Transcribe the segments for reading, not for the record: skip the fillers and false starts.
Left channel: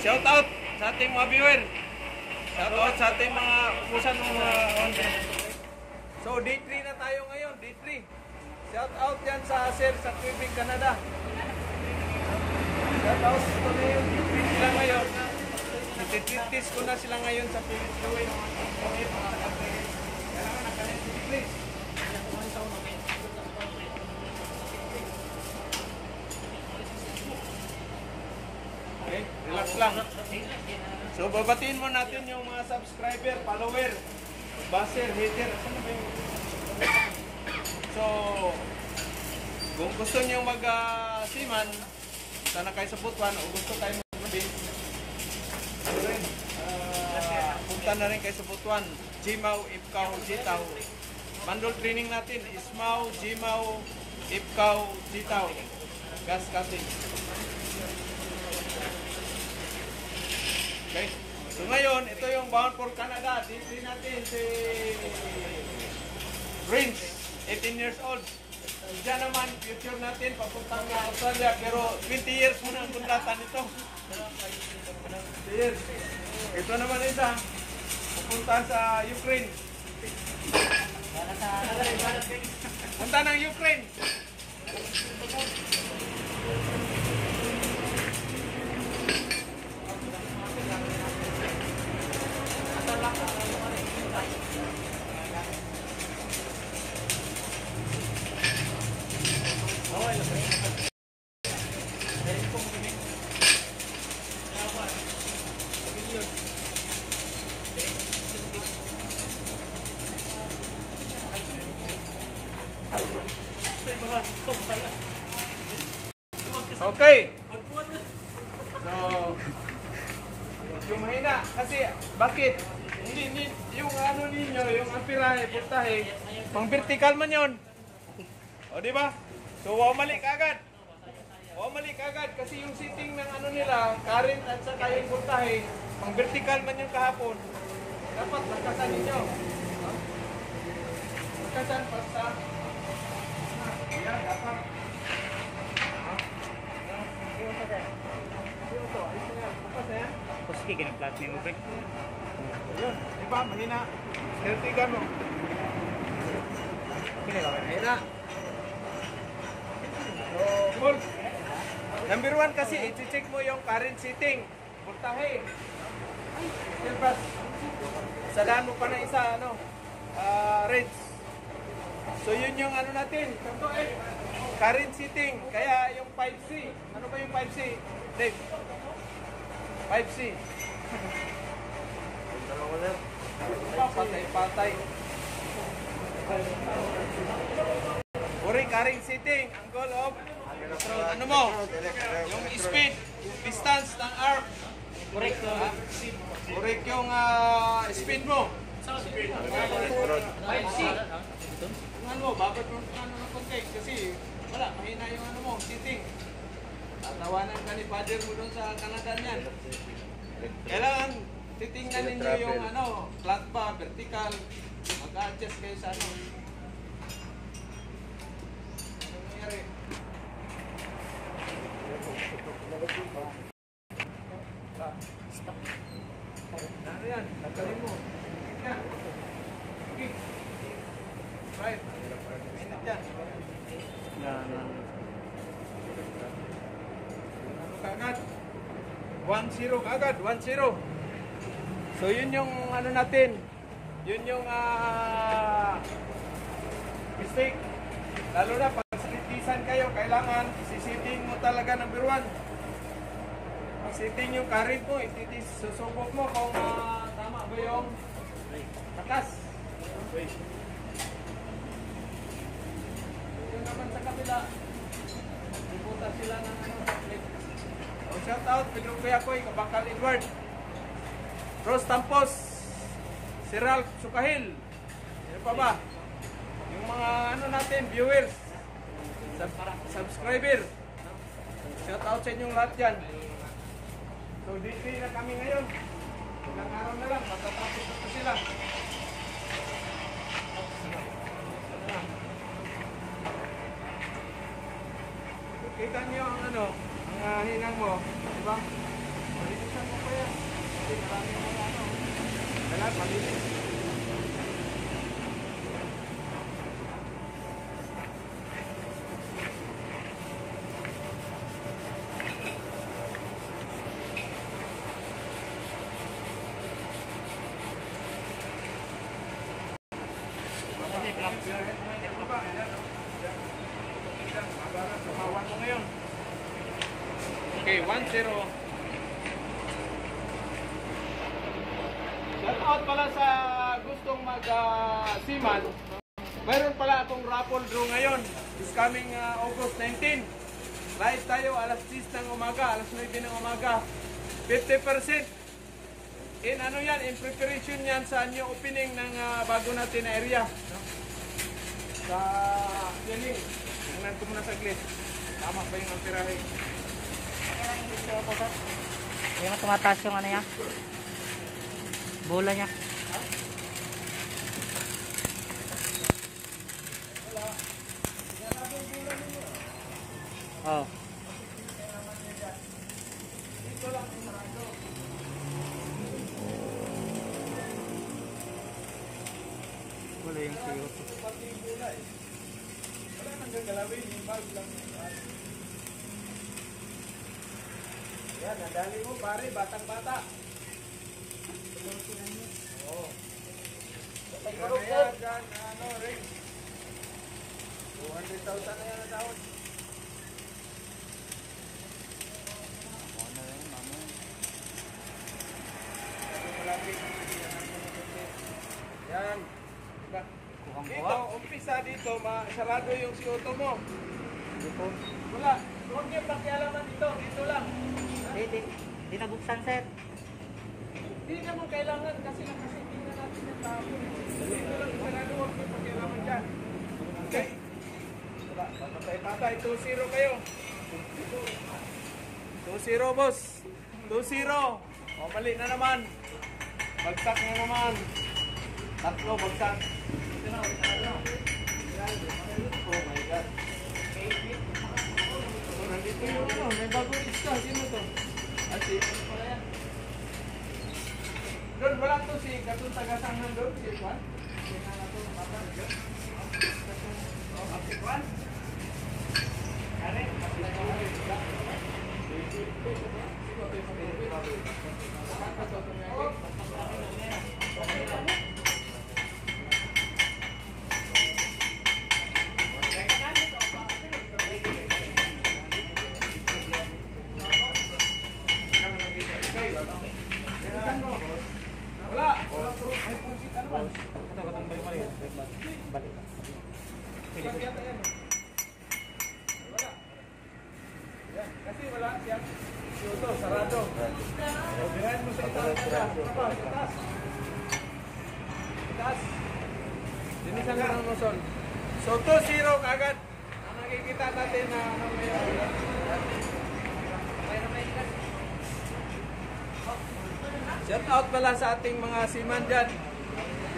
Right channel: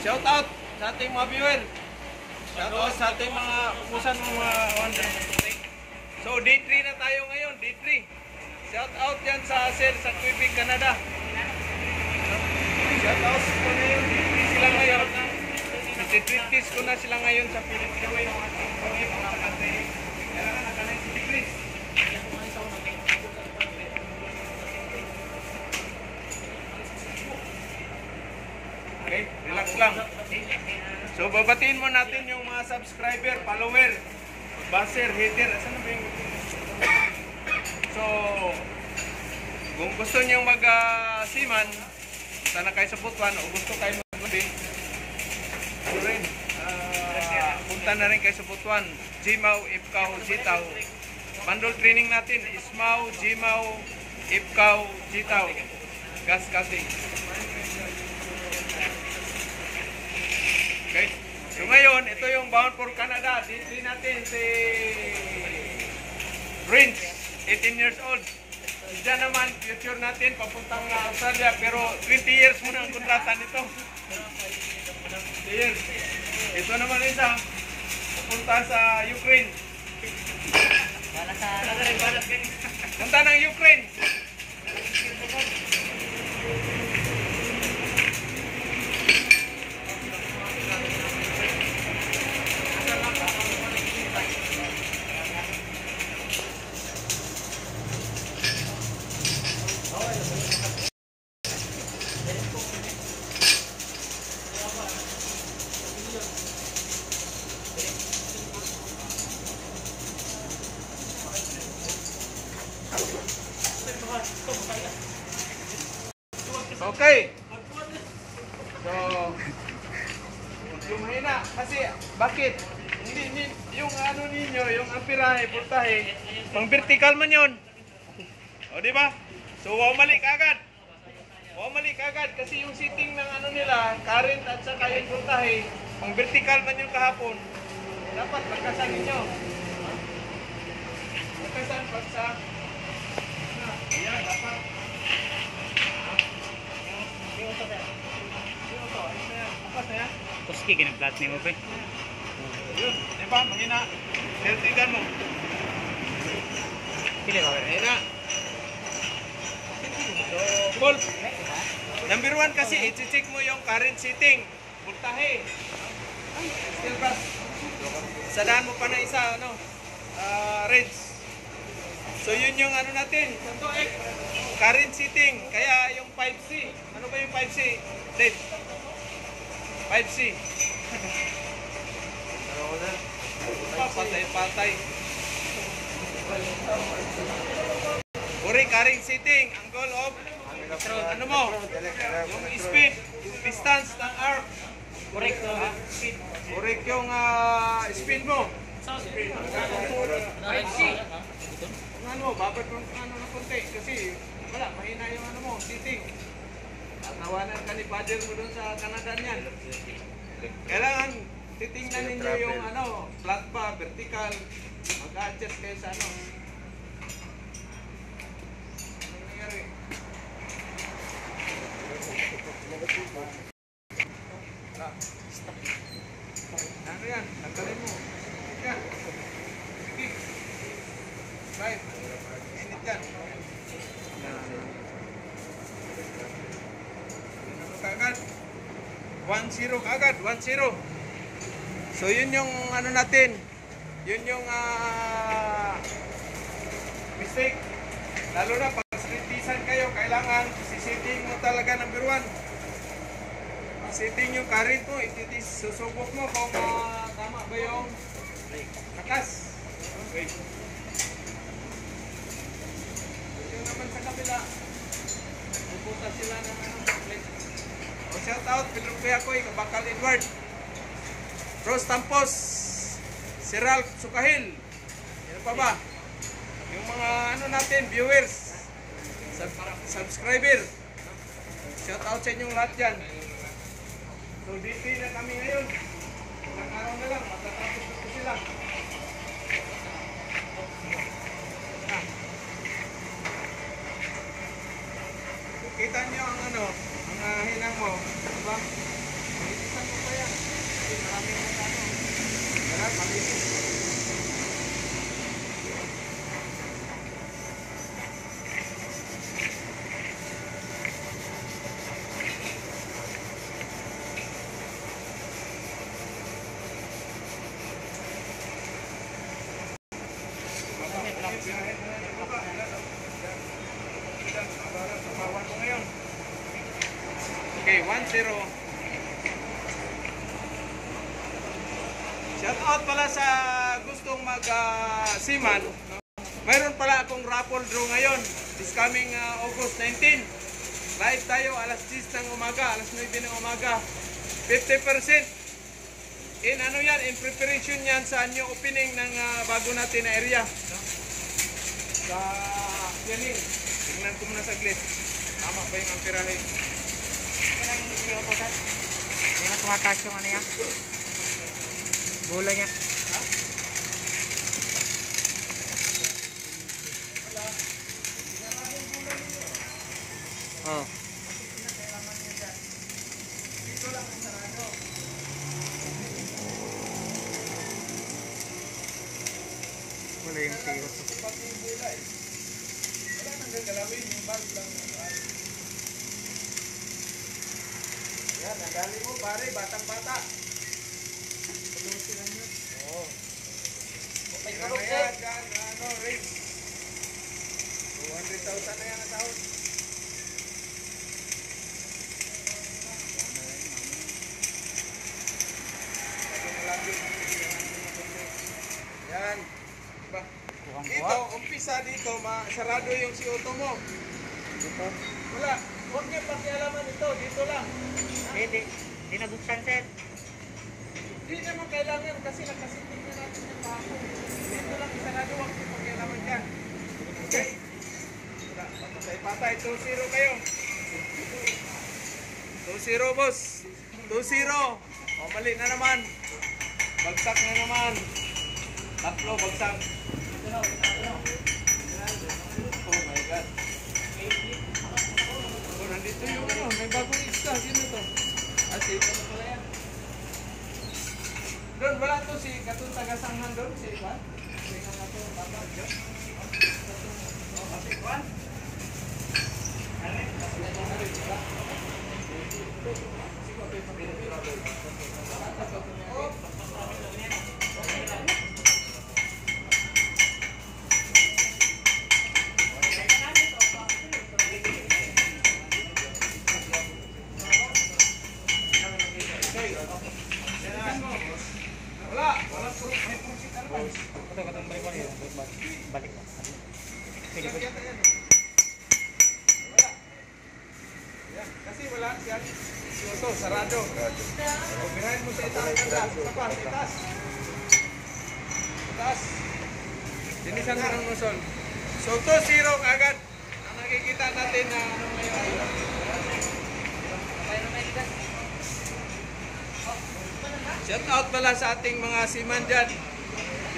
Shout out sa ating mga viewer. Shout out sa ating mga umusan ng mga wanda. So day 3 na tayo ngayon, day 3. Shout out yan sa sir sa Quebec, Canada. Shout out ko na yun, day 3 sila ngayon. Iti-treat ko na sila ngayon sa Philippines gawin. Kailangan naka 90 degrees. Okay, relax lang. So babatiin mo natin yung mga subscriber, follower, buzzer, hater. Asan na ba yung... So kung gusto niyo mag-siman, sana kayo sa Butuan o gusto kayo mag-mabin, punta na rin kayo sa Butuan. Jimaw, Ipkaw, Jitaw. Mandol training natin, Ismaw, Jimaw, Ipkaw, Jitaw. Gas cutting. Okay. So ngayon, ito yung Bound for Canada. Dito natin si Prince, 18 years old. Diyan naman, future natin, papuntang Australia. Pero 20 years muna ang kontrata nito. 20 years. Ito naman isa, papunta sa Ukraine. Punta ng Ukraine. Okay. So, yung mahina. Kasi, bakit? Hindi, yung ano ninyo, yung ampirahe, voltahe, pang vertical man yun. O, di ba? So, wow mali kagad. Wow mali kagad. Kasi yung setting ng ano nila, current at saka yung voltahe, pang vertical man yung kahapon. Dapat magkasan ninyo. Magkasan pa sa... Ayan, dapat. Terus kaya plat ni mo pre. Yun, di ba? Mahina. Sertigan mo. Pili ko. Mahina. So, cool. Number 1 kasi, i-check mo yung current setting. Voltahe. Steel brush. Sadaan mo pa na isa, ano, range. So, yun yung ano natin. Current setting. Kaya yung 5C. Ano ba yung 5C? Dave. 5C. Patay-patay. Uri, current setting. Angle of ano mo? Yung speed, yung distance ng arc. Correct to. Correct yung spin mo. 5C. Ano mo, babad mo ano ng konti kasi wala, mahina yung ano mo, setting. Tatawanan ka ni father mo doon sa Canada niyan. Kailangan titingnan ninyo yung ano, flat ba, vertical, mag-adjust kayo sa ano. Anong nangyari? Ano yan? Tanggalin mo. Sige. Sige. Right. Init yan. Ano kagad? 1-0 kagad. 1-0. So yun yung ano natin. Yun yung mistake. Lalo na pag kritisan kayo, kailangan sisiting mo talaga number 1. Setting yung current mo, susubok mo kung tama ba yung takas. Okay. Yung naman sa kabila, pupunta sila ng ano, like, shout out, Pedro Kuyakoy, Kabakal Edward, Rose Tampos, si Ralph Sukahil, ano pa ba? Yung mga ano natin, viewers, subscriber, shout out sa inyong lahat dyan. So dito na kami ngayon. Ilang araw na lang, matatapos na sila. Kita niyo ang ano, ang hinang mo, diba? Itisan mo daming mga ano. Kailangan malinis. Birahin mo ngayon yung baba. Yan, oh. Yan. Yan, mabara. Tumawan mo ngayon. Okay, 1-0. Shout out pala sa gustong mag-seaman. Mayroon pala akong raffle draw ngayon. This coming August 19. Live tayo alas 10 ng umaga, alas 9 ng umaga. 50%. In ano yan, in preparation yan sa new opening ng bago natin na area. No? Sa Yaning. Tingnan ko muna saglit. Tama ba yung amperahe? Ito lang yung video ko, sir. Hindi na tumataas yung ano niya. Bola niya. Ha? Wala. Sinarado yung bola ninyo. Oo. Dito lang ang sarado. Wala yung CO2. Pati yung bola eh. Wala nang gagalawin. Yung bulb lang. Yan, nadali mo pare. Batang-bata. Oo. Tira na yan dyan. Ano, ring. 200,000 na yan na taon. Laging malapit. Yan. Diba? Dito, umpisa dito, sarado yung CO2 mo. Dito. Wala. Huwag niyo pakialaman ito. Dito lang. Hindi nabuksan, sir. Hindi naman kailangan kasi nakasitin na natin yung tao. Dito lang sarado. Huwag niyo pakialaman dyan. Okay? Wala. Papatay-patay. 2-0 kayo. 2-0, boss. 2-0. O, mali na naman. Bagsak na naman. Tatlo, bagsak. Oh my God. Oh, nandito yung ano, may bagong isa. Sino to? Si ano pala yan? Doon, wala to si Katong Tagasanghan doon. Si Juan? Si nga to, baba. Oh, si Juan? Alin? Si Juan, alin? Sika? Si Juan, Wala proof. May proof ano ba? Balik ka. Sige po. Wala. Yan. Kasi wala siya. Ito, sarado. O, birahin mo sa itaas. Sa pas, itaas. Itaas. Dinisan mo ng noson. So, 2-0 kagad. Ang nakikita natin na ano ngayon. Shout out pala sa ating mga seaman dyan.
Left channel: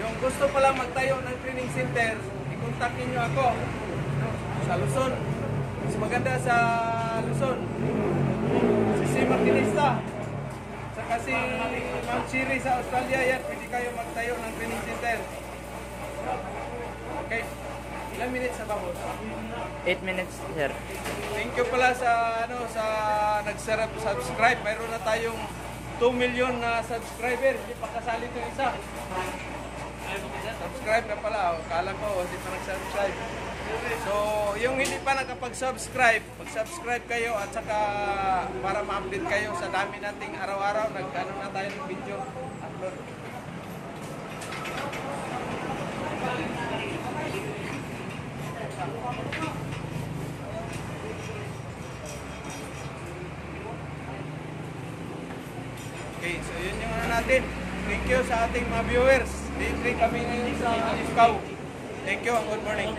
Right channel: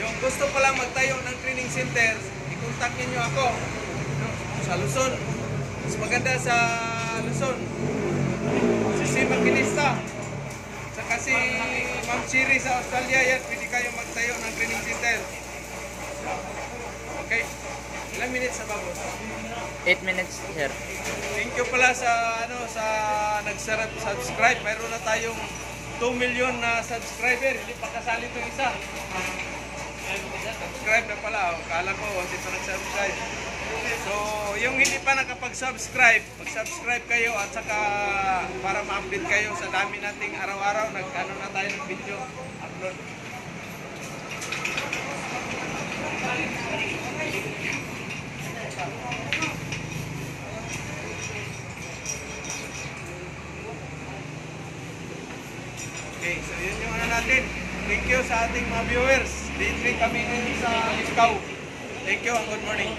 Yung gusto pala magtayo ng training center, i-contact niyo ako. No? Sa Luzon. Mas maganda sa Luzon. Si Sima Kilista. Saka si Ma'am Chiri sa Australia yan. Pwede kayo magtayo ng training center. Okay. Ilang minutes na ba, boss? 8 minutes, sir. Thank you pala sa nag-subscribe. Mayroon na tayong 2 million na subscriber. Hindi pa kasali itong isa. Subscribe na pala. Kala ko, hindi pa nag-subscribe. So, yung hindi pa nakapag-subscribe, mag-subscribe kayo at saka para ma-update kayo sa dami nating araw-araw. Nag-ano na tayo ng video upload. Okay, so yun yung ano natin. Thank you sa ating mga viewers. Day 3 kami ngayon sa Ikaw. Thank you and good morning.